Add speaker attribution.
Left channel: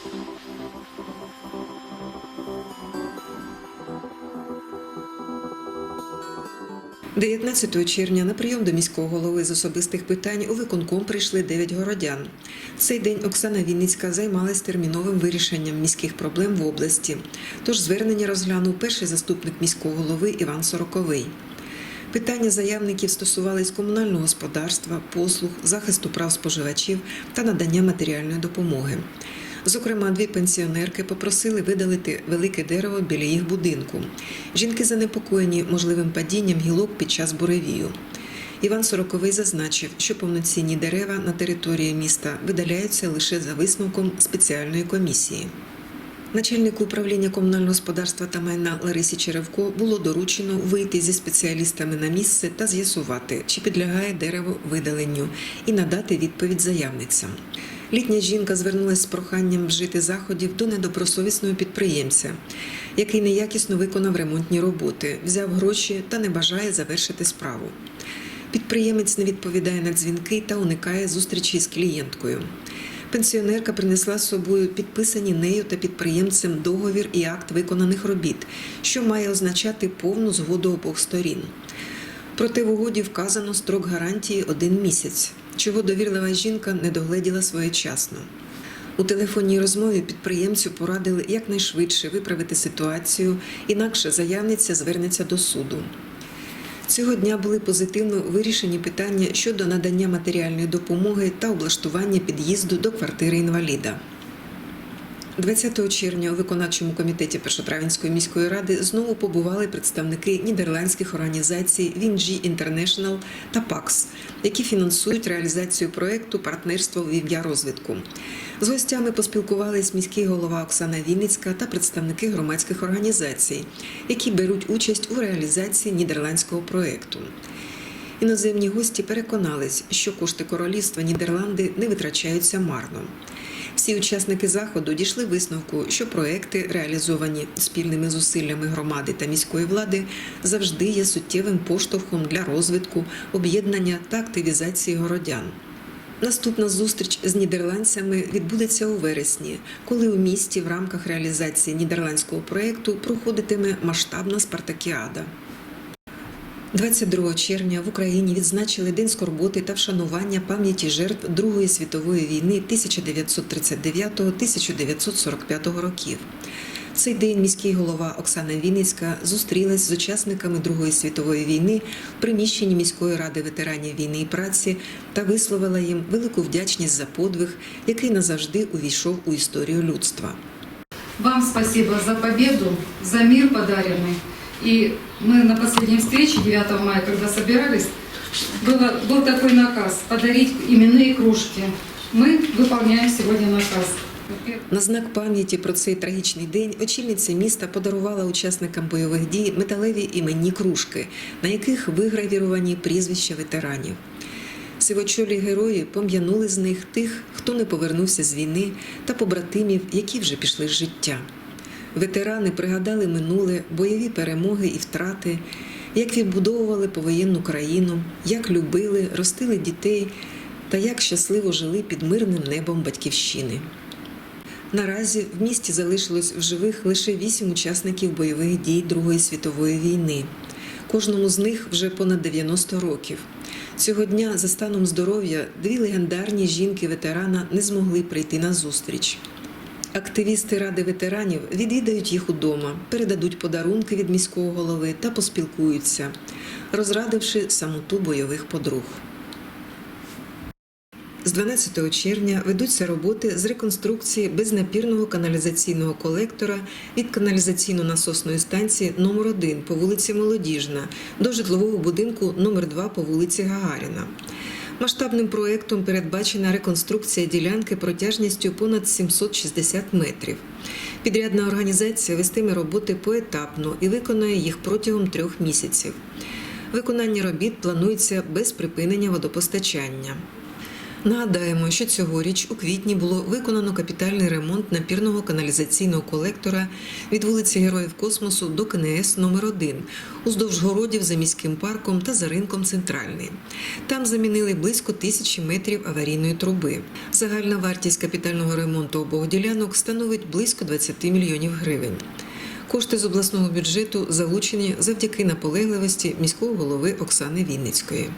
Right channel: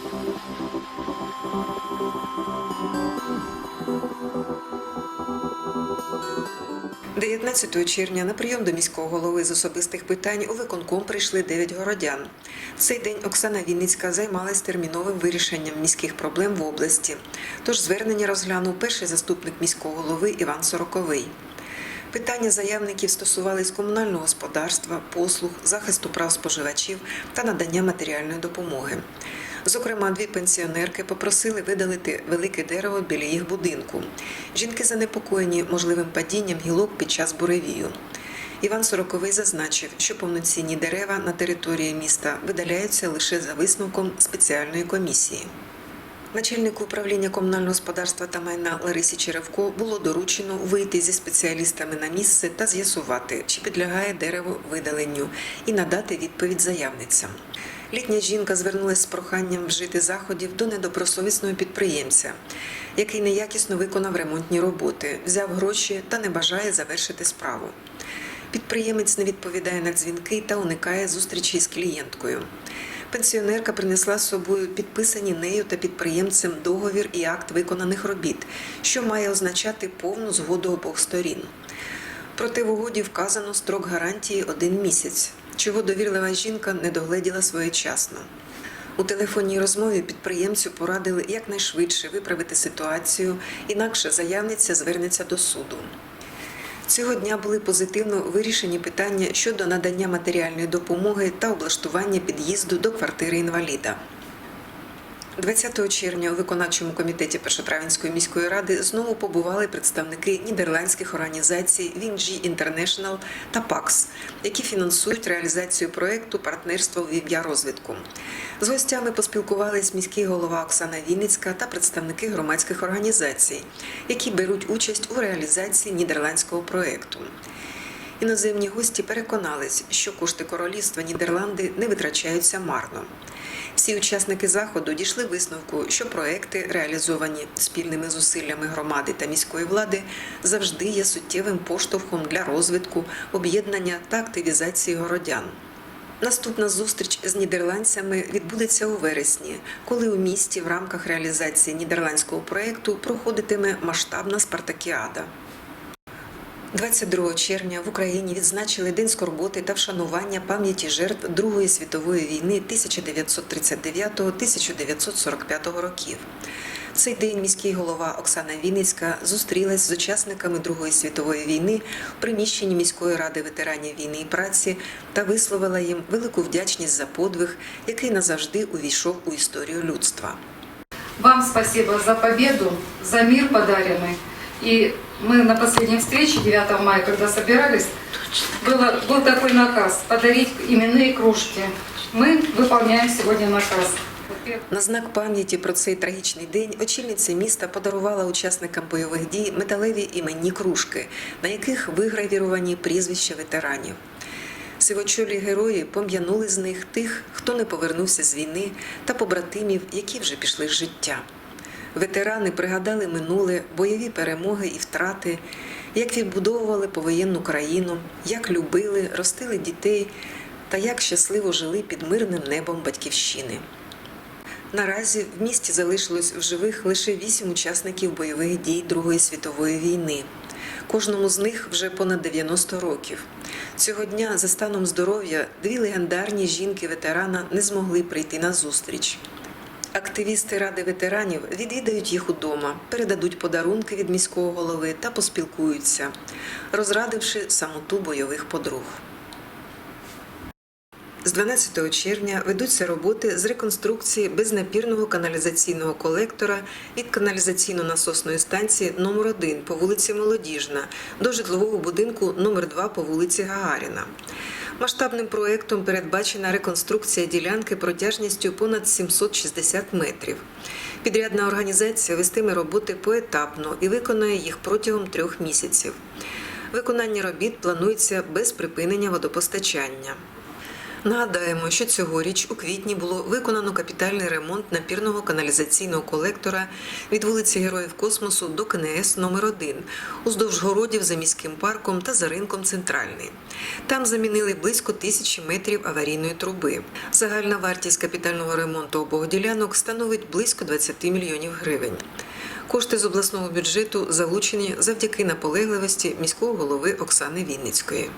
Speaker 1: – 19 червня на прийом до міського голови з особистих питань у виконком прийшли 9 городян. В цей день Оксана Вінницька займалась терміновим вирішенням міських проблем в області. Тож звернення розглянув перший заступник міського голови Іван Сороковий. Питання заявників стосувались комунального господарства, послуг, захисту прав споживачів та надання матеріальної допомоги. Зокрема, дві пенсіонерки попросили видалити велике дерево біля їх будинку. Жінки занепокоєні можливим падінням гілок під час буревію. Іван Сороковий зазначив, що повноцінні дерева на території міста видаляються лише за висновком спеціальної комісії. Начальнику управління комунального господарства та майна Ларисі Черевко було доручено вийти зі спеціалістами на місце та з'ясувати, чи підлягає дерево видаленню, і надати відповідь заявницям. Літня жінка звернулася з проханням вжити заходів до недобросовісного підприємця, який неякісно виконав ремонтні роботи, взяв гроші та не бажає завершити справу. Підприємець не відповідає на дзвінки та уникає зустрічі з клієнткою. Пенсіонерка принесла з собою підписані нею та підприємцем договір і акт виконаних робіт, що має означати повну згоду обох сторін. Проте в угоді вказано строк гарантії один місяць, чого довірлива жінка не догледіла своєчасно. У телефонній розмові підприємцю порадили якнайшвидше виправити ситуацію, інакше заявниця звернеться до суду. Цього дня були позитивно вирішені питання щодо надання матеріальної допомоги та облаштування під'їзду до квартири інваліда. 20 червня у виконавчому комітеті Першотравенської міської ради знову побували представники нідерландських організацій Вінджі Інтернешнл та ПАКС, які фінансують реалізацію проекту Партнерство в ім'я розвитку. З гостями поспілкувались міський голова Оксана Вінницька та представники громадських організацій, які беруть участь у реалізації нідерландського проекту. Іноземні гості переконались, що кошти королівства Нідерланди не витрачаються марно. Всі учасники заходу дійшли висновку, що проекти, реалізовані спільними зусиллями громади та міської влади, завжди є суттєвим поштовхом для розвитку, об'єднання та активізації городян. Наступна зустріч з нідерландцями відбудеться у вересні, коли у місті в рамках реалізації нідерландського проєкту проходитиме масштабна спартакіада. 22 червня в Україні відзначили День скорботи та вшанування пам'яті жертв Другої світової війни 1939-1945 років. Цей день міський голова Оксана Вінницька зустрілась з учасниками Другої світової війни в приміщенні міської ради ветеранів війни і праці та висловила їм велику вдячність за подвиг, який назавжди увійшов у історію людства.
Speaker 2: Вам спасибо за победу, за мир подаренный. И мы на последней встрече 9 мая, когда собирались, было, был такой наказ подарить именные кружки. Мы выполняем сегодня наказ.
Speaker 1: На знак пам'яті про цей трагічний день очільниця міста подарувала учасникам бойових дій металеві іменні кружки, на яких вигравіровані прізвища ветеранів. Сивочолі герої пом'янули з них тих, хто не повернувся з війни, та побратимів, які вже пішли з життя. Ветерани пригадали минуле, бойові перемоги і втрати, як відбудовували повоєнну країну, як любили, ростили дітей та як щасливо жили під мирним небом батьківщини. Наразі в місті залишилось в живих лише вісім учасників бойових дій Другої світової війни. Кожному з них вже понад 90 років. Цього дня, за станом здоров'я, дві легендарні жінки-ветерана не змогли прийти на зустріч. Активісти Ради ветеранів відвідають їх удома, передадуть подарунки від міського голови та поспілкуються, розрадивши самоту бойових подруг. З 12 червня ведуться роботи з реконструкції безнапірного каналізаційного колектора від каналізаційно-насосної станції номер 1 по вулиці Молодіжна до житлового будинку номер 2 по вулиці Гагаріна. Масштабним проєктом передбачена реконструкція ділянки протяжністю понад 760 метрів. Підрядна організація вестиме роботи поетапно і виконає їх протягом трьох місяців. Виконання робіт планується без припинення водопостачання. Нагадаємо, що цьогоріч у квітні було виконано капітальний ремонт напірного каналізаційного колектора від вулиці Героїв Космосу до КНС номер 1 уздовж городів за міським парком та за ринком Центральний. Там замінили близько тисячі метрів аварійної труби. Загальна вартість капітального ремонту обох ділянок становить близько 20 мільйонів гривень. Кошти з обласного бюджету залучені завдяки наполегливості міського голови Оксани Вінницької.